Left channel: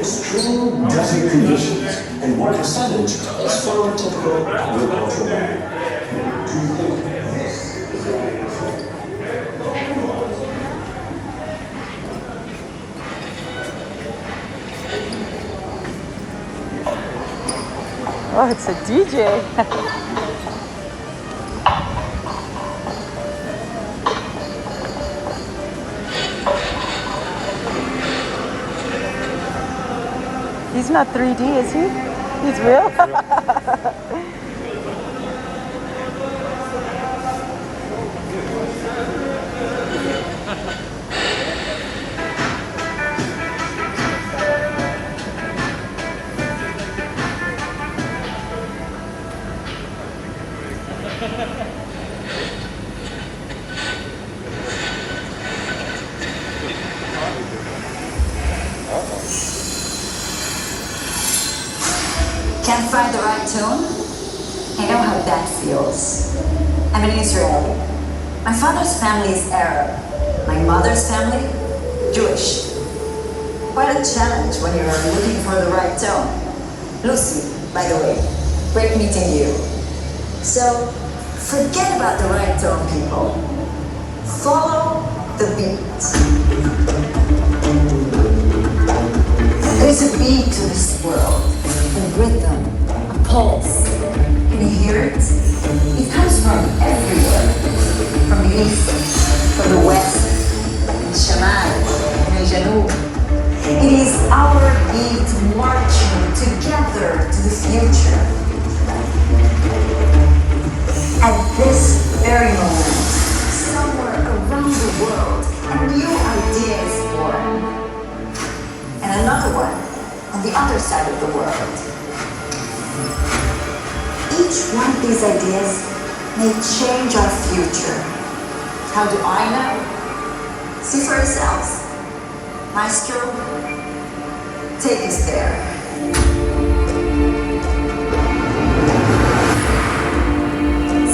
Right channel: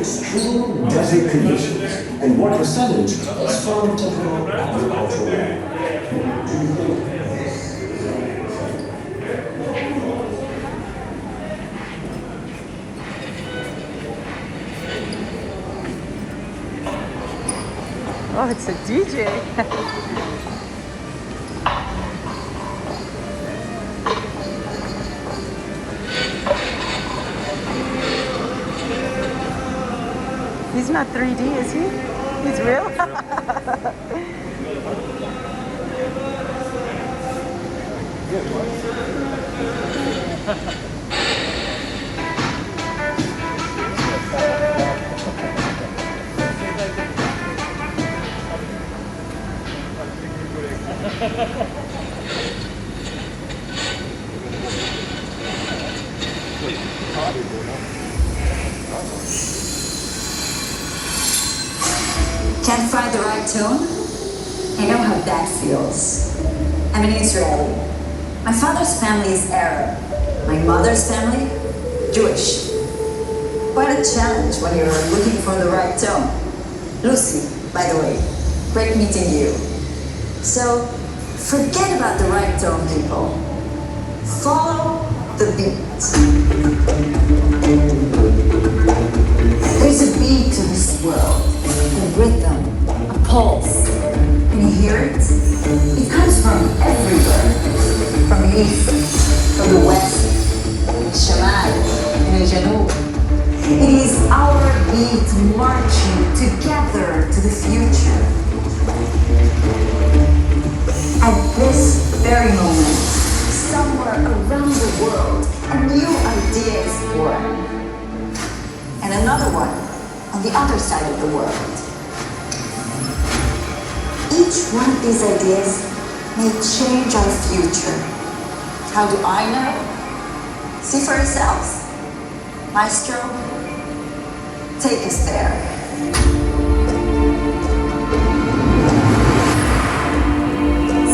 extreme desert conditions and what the settled is far typical agricultural land. Oh, it's a DJ. He's not 3D, is he? He's real? Can't find the right tone? I know how that feels. I'm an Israeli. My father's family is Arab. My mother's family, Jewish. Quite a challenge when you're looking for the right tone. Lucy, by the way, great meeting you. So, forget about the right tone, people. Follow the beat. There's a beat to this world, a rhythm, a pulse. Can you hear it? It comes from everywhere. From the east, from the west, from the Shamal, from the Janub. It is our beat marching together to the future. At this very moment, somewhere around the world, a new idea is born. And another one on the other side of the world. Each one of these ideas may change our future. How do I know? See for yourselves. Maestro, take us there.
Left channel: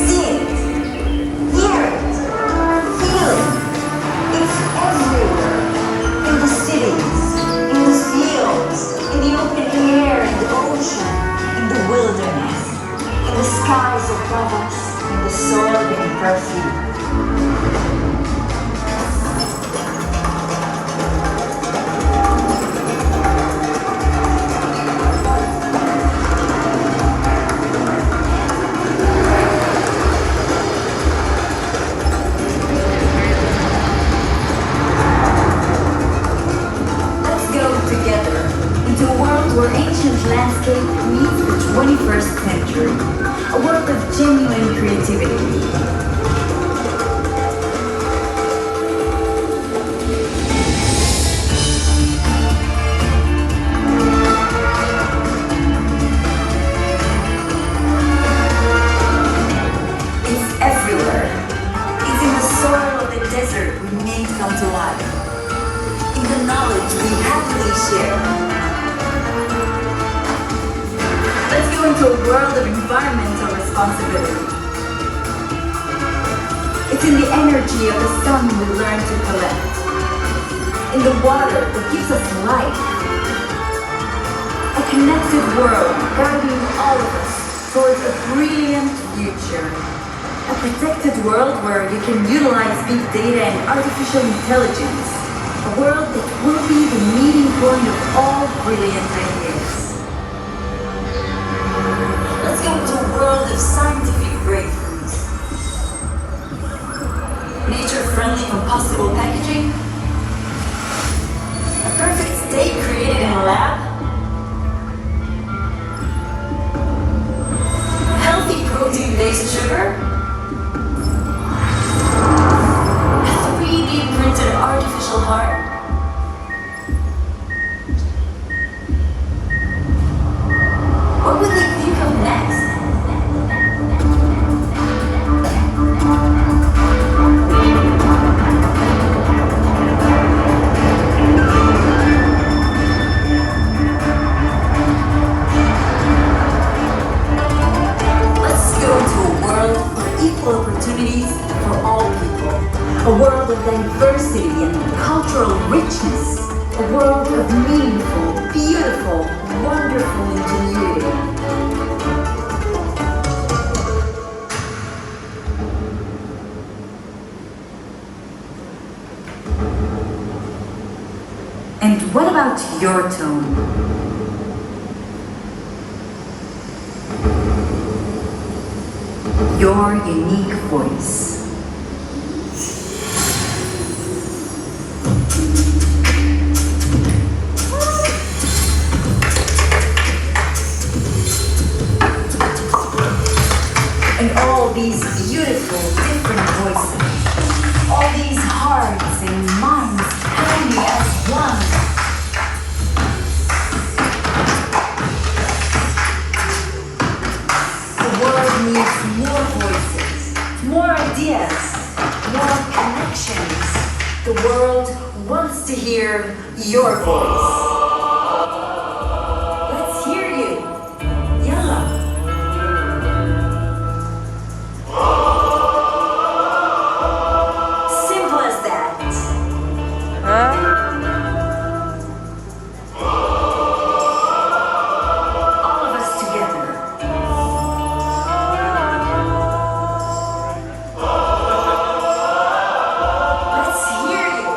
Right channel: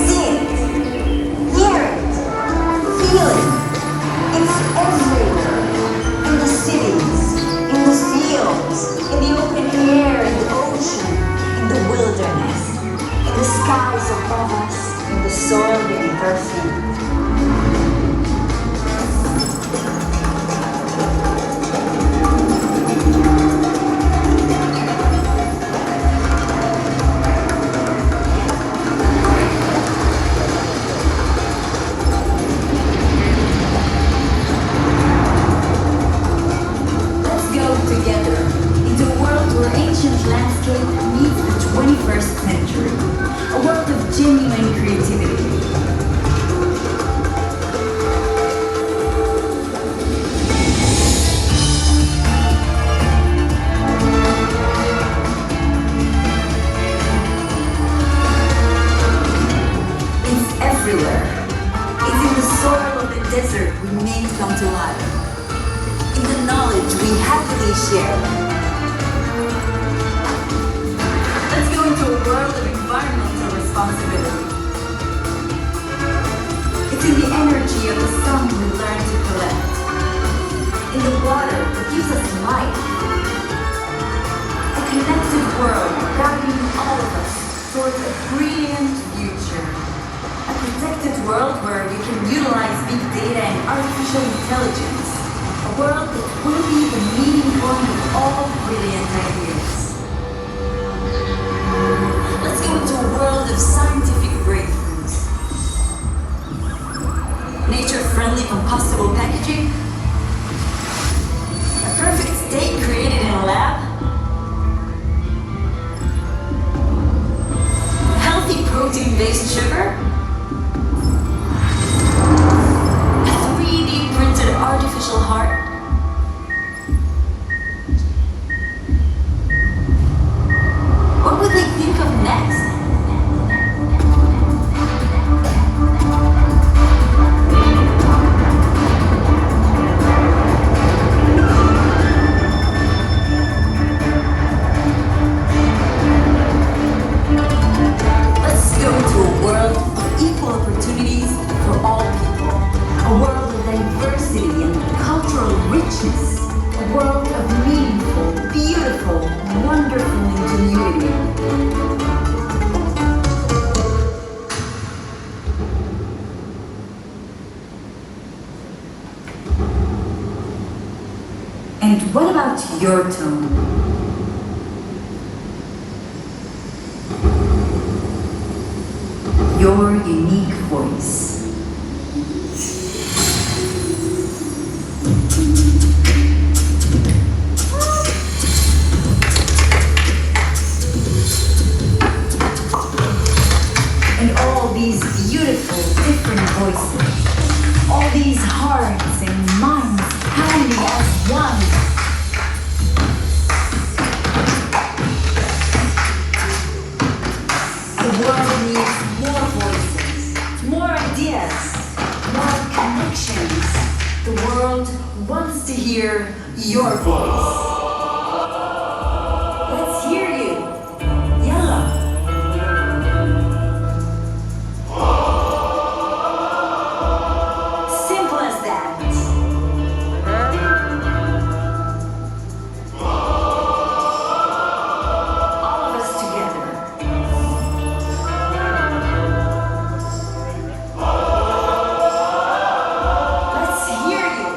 See it, hear it, feel it. It's everywhere. In the cities, in the fields, in the open air, in the ocean, in the wilderness, in the skies above us, in the soil beneath our feet. Landscape meets the 21st century, a world of genuine creativity. It's everywhere. It's in the soil of the desert we made come to life, in the knowledge we happily share. Into a world of environmental responsibility. It's in the energy of the sun we learn to collect. In the water that gives us life. A connected world guiding all of us towards a brilliant future. A protected world where we can utilize big data and artificial intelligence. A world that will be the meeting point of all brilliant ideas. Let's go into a world of scientific breakthroughs. Nature-friendly compostable packaging. A perfect steak created in a lab. Healthy protein-based sugar. A 3D printed artificial heart. your tone. Your unique voice. And all these beautiful, different voices, all these hearts and minds pounding as one. The world needs more voices, more ideas, more connections. The world wants to hear your voice. Let's hear you. Yalla. Simple as that. All of us together. Let's hear you.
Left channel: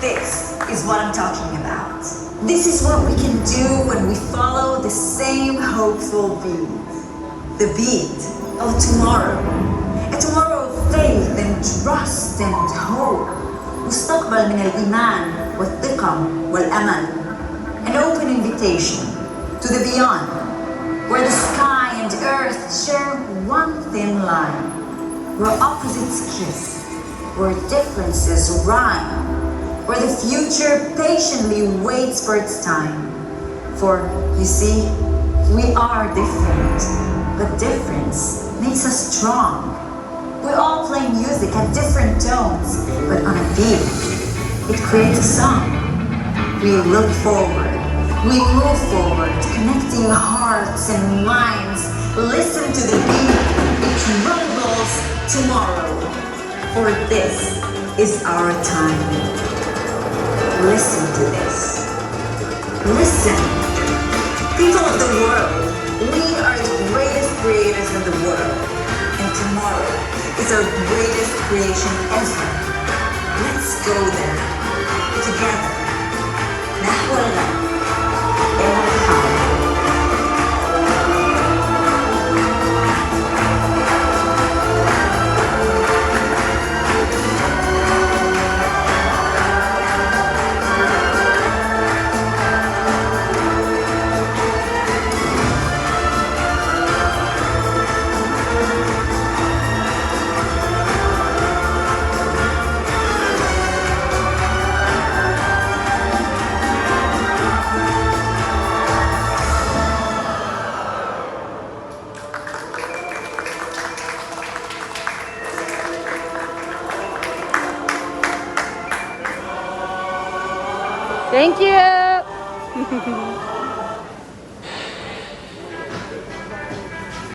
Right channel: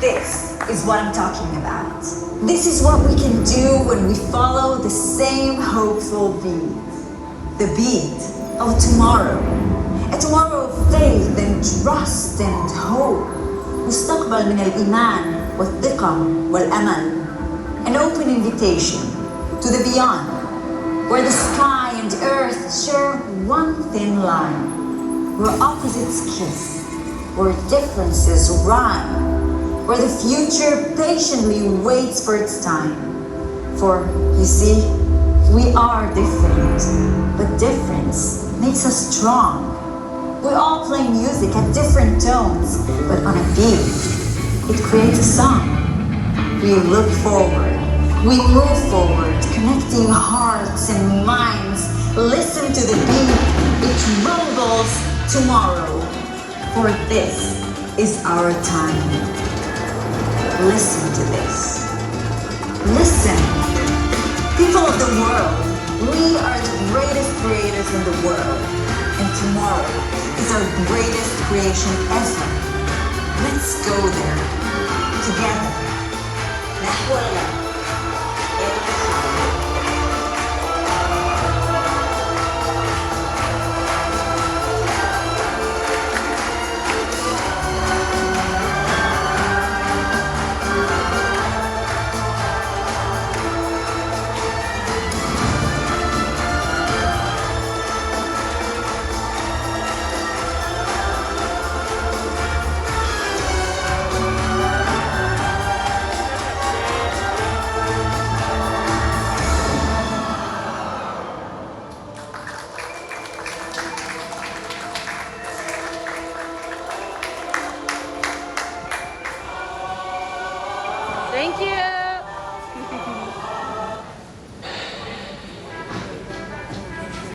This is what I'm talking about. This is what we can do when we follow the same hopeful beat. The beat of tomorrow. A tomorrow of faith and trust and hope. مستقبل من الإيمان والثقة والأمل. An open invitation to the beyond, where the sky and earth share one thin line, where opposites kiss, where differences rhyme, where the future patiently waits for its time. For, you see, we are different, but difference makes us strong. We all play music at different tones, but on a beat, it creates a song. We look forward, we move forward, connecting hearts and minds. Listen to the beat, it rumbles tomorrow. For this is our time. Listen to this. Listen. People of the world, we are the greatest creators in the world. And tomorrow is our greatest creation ever. Let's go there. Together. نحو الغد. الحاضر. Thank you.